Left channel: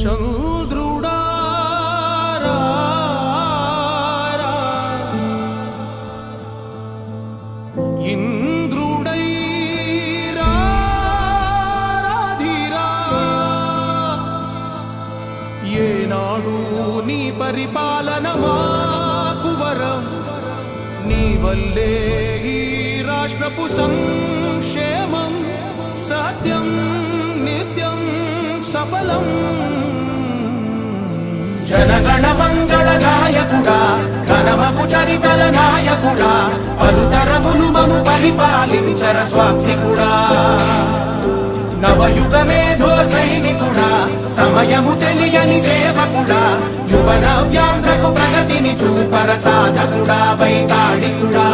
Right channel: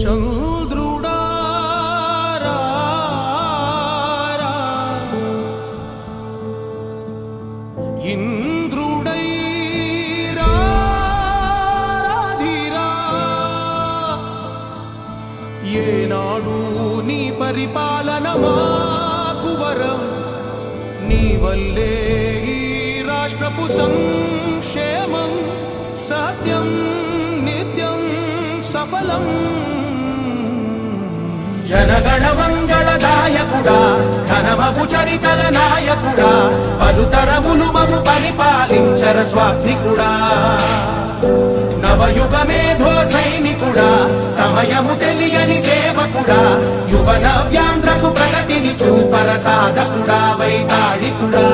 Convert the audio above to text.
చంద్రుడా ఇంద్రుడై రాధిరా ఏనాడు నీ పరిపాలన మాకు వరం నీ వల్లే ఈ రాష్ట్రపు సంక్షేమం సత్యం నిత్యం సఫలం జనగణ మంగళ నాయకుడా ఘనమగు చరితల నాయకుడా పలుతరములు మము పరిపాలించర స్వామికుడా నవయుగ మేధో సైనికుడా సమయము తెలియని సేవకుడా యువన వ్యాంధ్రకు ప్రగతిని చూపర సాధకుడా వైతాళికుడా